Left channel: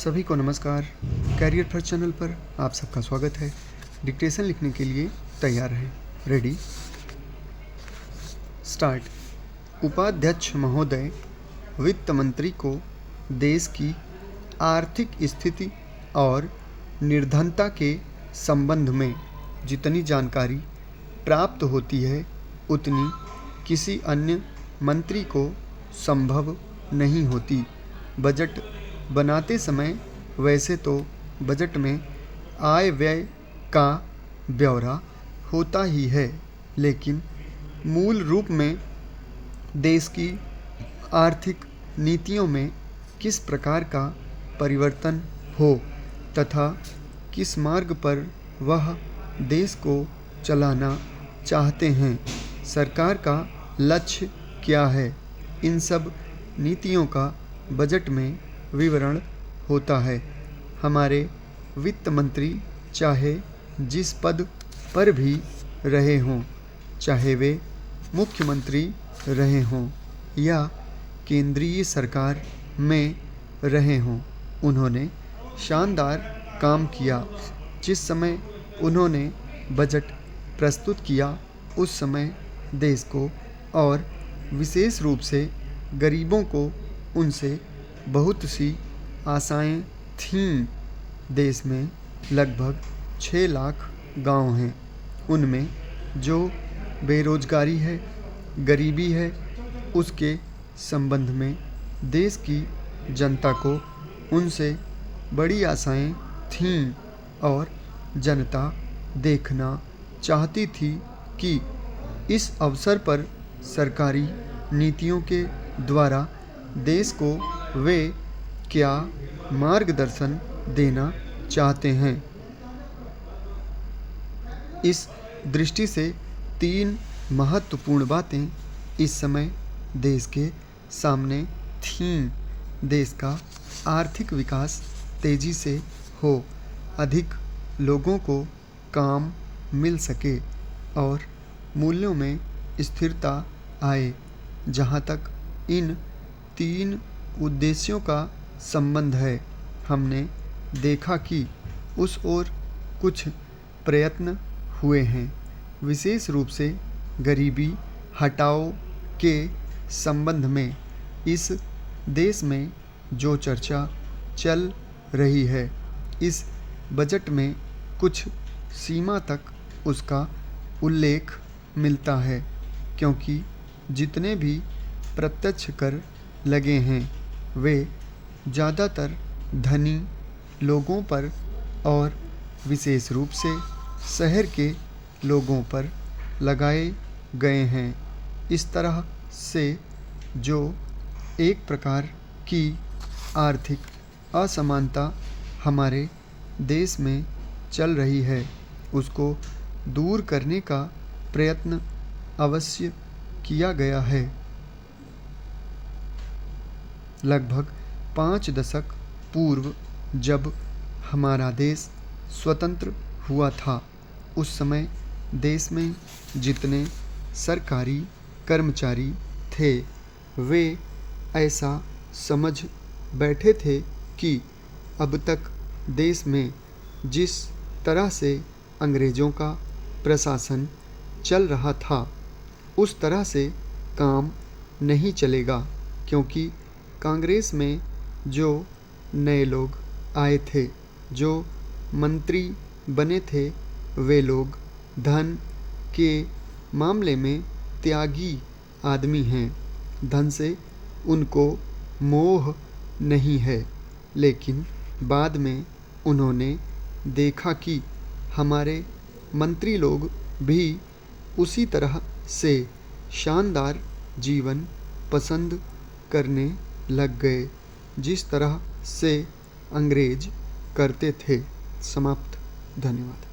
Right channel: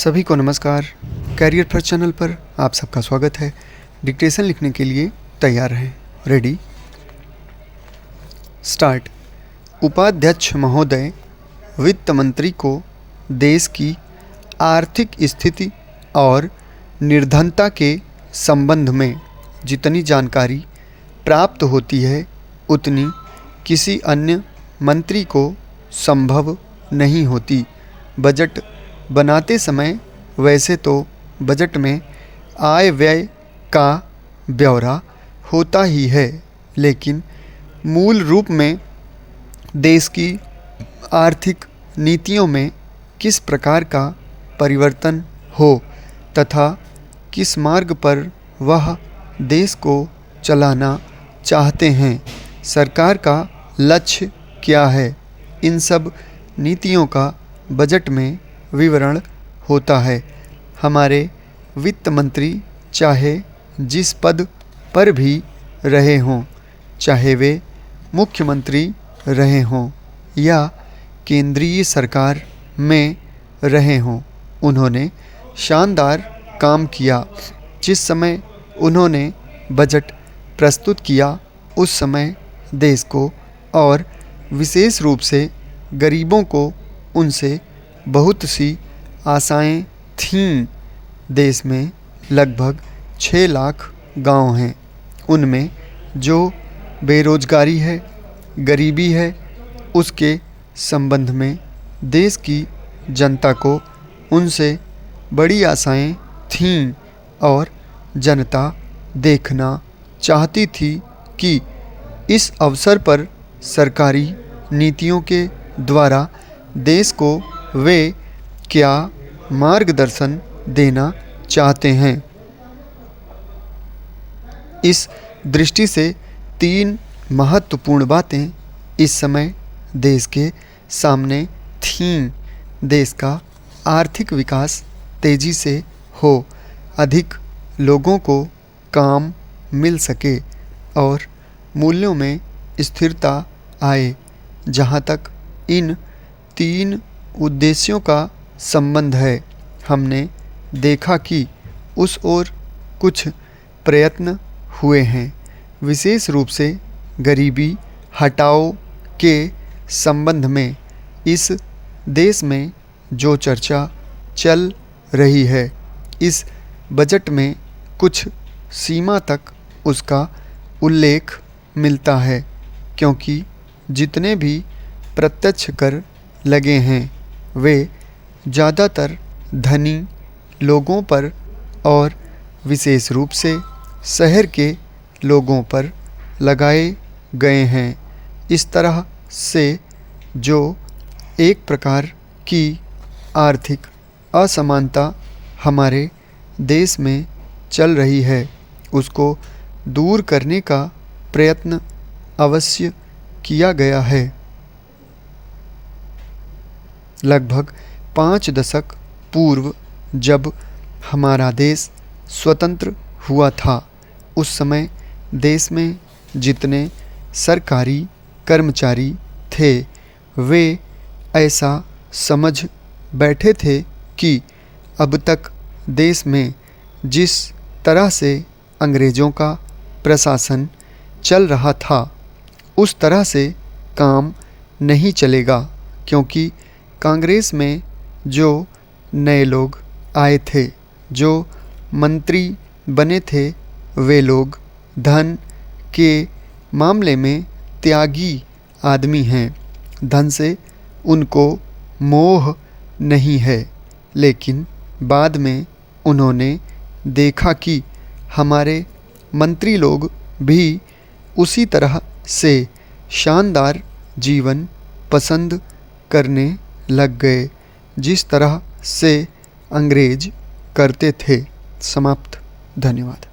सभी को नमस्कार। कैरियर फर्स्ट चैनल पर आप सबका स्वागत है। डिक्टेशन लिखने के लिए तैयार हैं। Ready start. उपाध्यक्ष महोदय, वित्त मंत्री को देश की आर्थिक स्थिति और निर्धनता के संबंध में जितनी जानकारी प्राप्त होती है उतनी किसी अन्य मंत्री को संभव नहीं होती। बजट बनाते समय वैसे तो बजट में आय व्यय का ब्यौरा होता ही है, लेकिन मूल रूप में देश की आर्थिक नीतियों में किस प्रकार का परिवर्तन हो तथा किस मार्ग पर वह देश को चलाना चाहते हैं, सरकार का लक्ष्य क्या है, इन सब नीतियों का बजट में विवरण होता है। हमारे वित्त मंत्री चाहे जिस पद पर भी रहे हों, चाहे वे मुख्यमंत्री रहे हों या केंद्रीय सरकार में रहे हों, उन्होंने शानदार काम किया। जिस समय उन्होंने बजट प्रस्तुत किया उस समय देश को और विशेष रूप से गरीबों को उनसे बहुत सी आशाएं थीं। देश में लगभग 6 लाख गांव हैं। उनमें जो बेरोजगारी है, गरीबी है, उसके संबंध में देश की जनता को उनसे बड़ी आशाएं थीं और जनता देखना चाहती थी कि इस अवसर पर सरकारी नीतियों के द्वारा देश को वे क्या मार्गदर्शन देना चाहते हैं। इस दृष्टि से 3 महत्वपूर्ण बातें इस समय देश के सामने थीं। देश का आर्थिक विकास तेजी से हो, अधिक लोगों को काम मिल सके और मूल्यों में स्थिरता आए। जहाँ तक इन 3 उद्देश्यों का संबंध है, हमने देखा कि उस ओर कुछ प्रयत्न हुए हैं। विशेष रूप से गरीबी हटाओ के संबंध में इस देश में जो चर्चा चल रही है, इस बजट में कुछ सीमा तक उसका उल्लेख मिलता है, क्योंकि जितने भी प्रत्यक्ष कर लगे हैं वे ज़्यादातर धनी लोगों पर और विशेष रूप से शहर के लोगों पर लगाए गए हैं। इस तरह से जो एक प्रकार की आर्थिक असमानता हमारे देश में चल रही है, उसको दूर करने का प्रयत्न अवश्य किया गया है। लगभग 5 दशक पूर्व जब हमारा देश स्वतंत्र हुआ था, उस समय देश में जितने सरकारी कर्मचारी थे वे ऐसा समझ बैठे थे कि अब तक देश में जिस तरह से अंग्रेज़ों का प्रशासन चल रहा था उस तरह से काम नहीं चलेगा, क्योंकि कांग्रेस में जो नए लोग आए थे, जो मंत्री बने थे, वे लोग धन के मामले में त्यागी आदमी हैं। धन से उनको मोह नहीं है, लेकिन बाद में उन्होंने देखा कि हमारे मंत्री लोग भी उसी तरह से शानदार जीवन पसंद करने लग गए जिस तरह से अंग्रेज करते थे। समाप्त। धन्यवाद।